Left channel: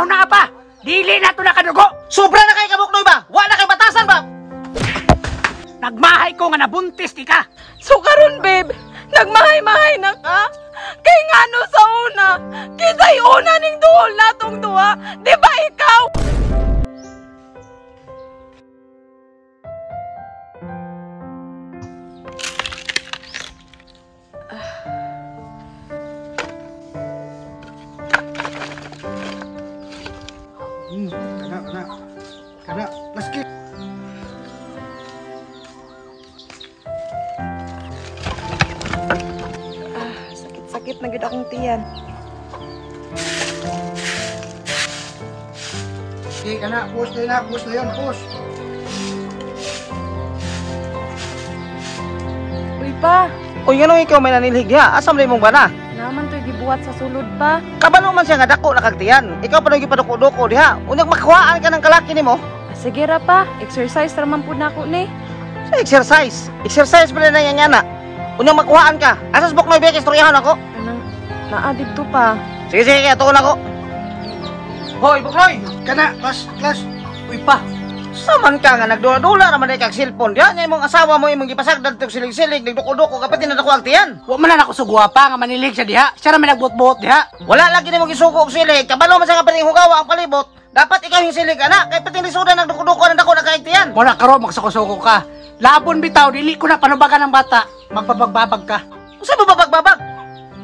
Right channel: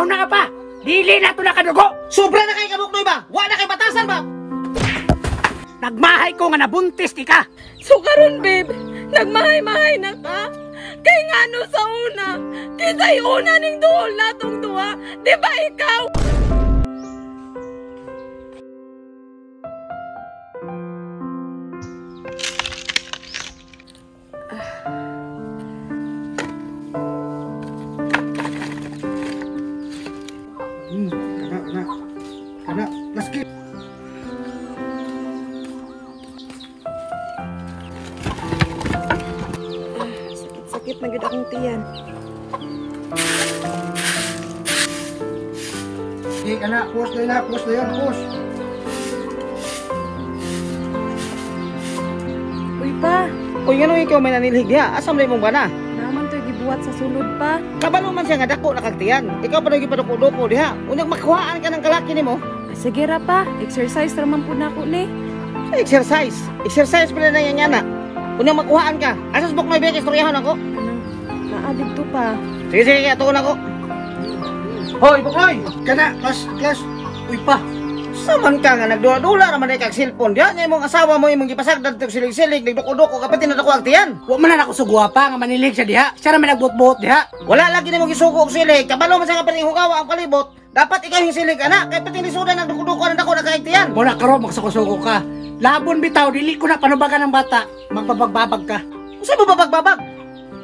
Una-una pa! Dili na to nakadugo! Sobra na kay kabuknoy ba? Wa na kay batasan ba? Nagmahay ko nga nabuntis di ka! So karon babe, nagmahay-mahay na ka? Kay ngano sa una, kisay una ning duol natong duha, di ba ikaw? Kana, maski. Sakit na gid akong tiyan. Di kana, push na yun, push. Uy pa, Uy, ganun ikaw may nanilhig diha. Asam na imong bana? naman to'y gibuhat sa sulod pa. Kabalo man siya nga dako na kagtiyan. Ikaw pa nang gipaduko-duko diha. Unyag makuhaan ka ng kalaki nimo. Sige ra pa, exercise raman po na ako ni. Exercise. Exercise pa rin na yan na. Unyag makuhaan ka. Asas buk may biyak istoryahan ako. Ano, naadib to pa. Sige, atuon ako. Hoy, Buknoy! Kana, class. Uy pa. Saman ka nga, nagdula-dula naman ay kag cellphone. Diyan niya imong asawa mo imong gipasagdan tog silig-silig, nagduko-duko kapati na dako agtiyan. Wa man na ako sugwa pa nga manilig siya diha. Siya ra may nagbuot-buot diha. Wala lagi nimo gisuko og silig. Kabalo man sa kapating hugawa ang palibot. Dapat ikaw yung silig ana, kay pati lisudan nagduko-duko na dako na kaagtiyan. Muna karo magsuko-suko ka. Labon bitaw dili ko na panubagan ng bata. Magpabagbabag ka. Unsa mo babag-babag?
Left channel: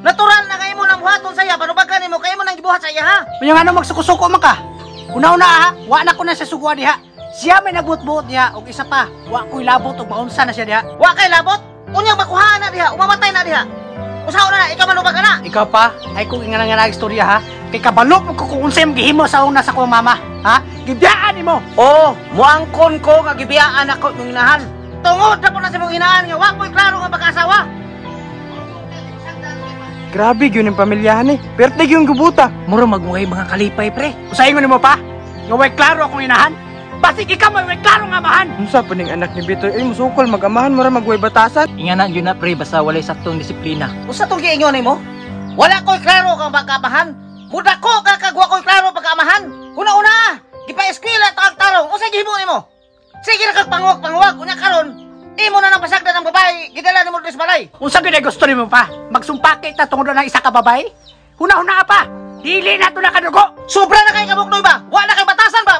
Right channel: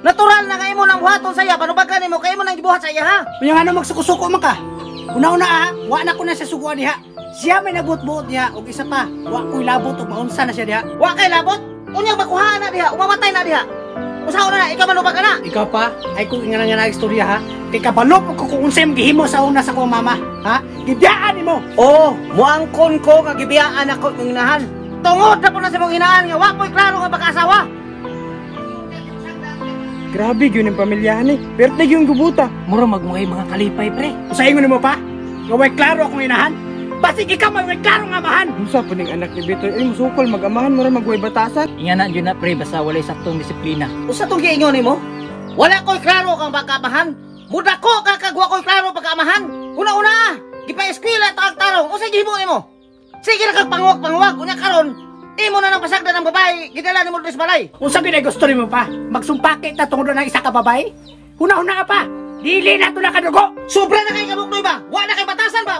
Natural na kay mo nang buhaton sa iya, panubagan nimo kay mo nang gibuhat sa iya ha. Unya ano magsuko-suko man ka. Una-una ha, wa na ko na siya sugwa diha. Siya may nagbuot-buot diha og isa pa, wa ko'y labot og maunsa na siya diha. Wa kay labot? Unyang makuhaan na diha, umamatay na diha. Usahaw na, ikaw manubag na. Ikaw pa, ay kung nga istorya ha. Kay kabalo mo ko kung unsay gihimo sa una sa kong mama, ha? Gibiyaan nimo. Oh, muangkon ko nga gibiyaan ako ng inahan. Tungod na po na sa mong hinaan nga wa ko'y klaro nga pag-asawa. Grabe yun yung pamilyahan eh. Pertig yung gubuta. Mura magmungay mga kalipay pre. Usahin mo nimo pa? Nga way klaro akong inahan. Basig ikaw may klaro nga amahan. Unsa pa ning anak ni Bitoy? Musukol mag-amahan mo ra magway batasan. Nga na yun na pre, basta walay saktong disiplina. Usa tong giingon nimo? Wala ko'y klaro kang pagkaamahan. Muda ko kakagwa ko'y klaro pagkaamahan. Una-una, gipa-eskwela ta tarong. Usa gihimo nimo? Sige ra kag panguwag-panguwag unya karon. Imo na nang pasagdan ng babae, gidala nimo sa balay. Unsa gyud ay gusto nimo pa? Magsumpaki ta tungod na isa ka babae? Huna-huna pa. Dili na to nakadugo. Sobra na kay kabuknoy ba? Wa na kay batasan ba?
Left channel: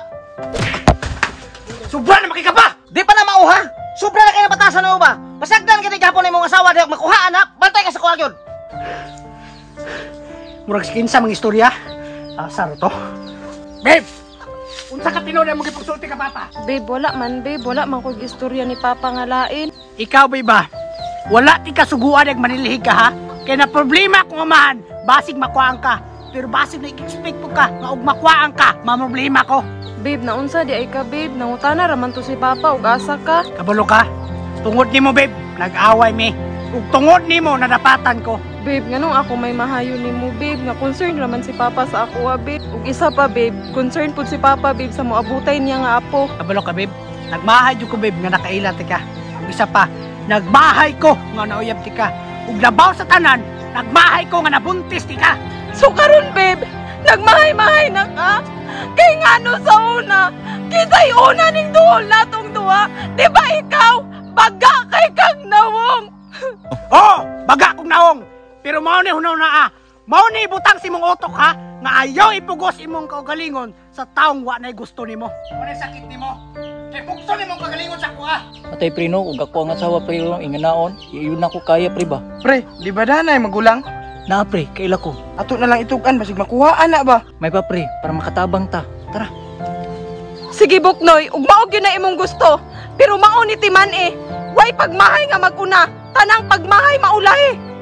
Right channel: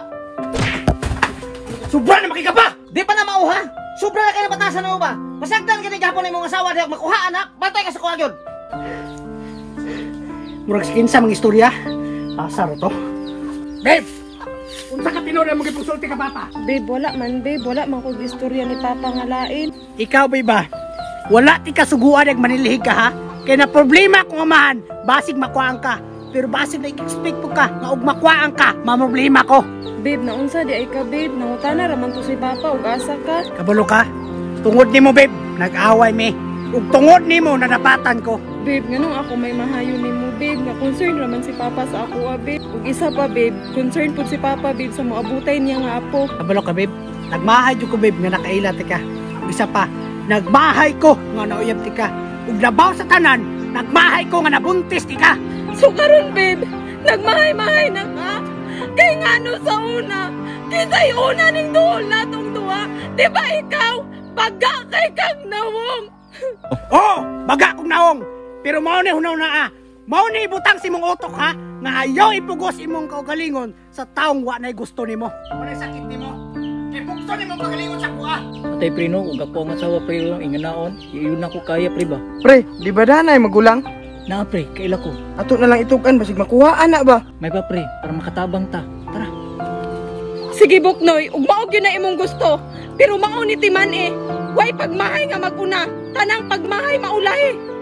Sobra na makika pa. Di pa na mauha. Sobra na kay batasan na ba? Pasagdan kini gahapon imong asawa diha makuhaan na, bantay ka sa kuha gyud. Murag skinsa mga istorya. Asar to. Babe! Unsa ka tinuod mo gipagsulti ka papa? Babe, wala man ko gistorya ni Papa nga lain. Ikaw babe ba? Wala ti kasuguan ag manilihig ka ha? Kaya na problema kung amahan, basig makuhaan ka. Pero basig na i-expect po ka, nga og makuhaan ka, mamroblema ko. Babe, naunsa di ay ka babe, nangutana raman to si Papa ug asa ka. Kabalo ka? Tungod nimo babe, nag-away mi. Ug tungod nimo nadapatan ko. Babe, nganong ako may mahayo nimo babe, nga concern raman si Papa sa ako babe. Ug isa pa babe, concern pud si Papa babe sa moabutay niya nga apo. Kabalo ka babe, nagmahay jud ko babe nga nakaila ti ka. Ug isa pa, nagmahay ko nga nauyab ti ka. Ug labaw sa tanan, nagmahay ko nga nabuntis ti ka. So karon babe, nagmahay-mahay na ka? Kay ngano sa una, kisay una ning duol natong duha, di ba ikaw? Baga kay kag nawong. Oh, baga kong naong. Pero mao ni hunaw na mao ni ibutang si mong utok ha, nga ayaw ipugos imong kaugalingon sa taong wa nay gusto nimo. Ano sakit nimo? Kay bukso nimong kaugalingon sa kuha. Atay pre no, ug ako ang asawa pre lang inganaon, iyon ako kaya pre ba? Pre, di ba danay magulang? Na pre, kaila ko. Ato na lang itugan basig makuhaan na ba? May pa pre, para makatabang ta. Tara. Sige Buknoy, ug mao gyud na imong gusto. Pero mao ni Timan eh, way pagmahay nga maguna, tanang pagmahay maulahi.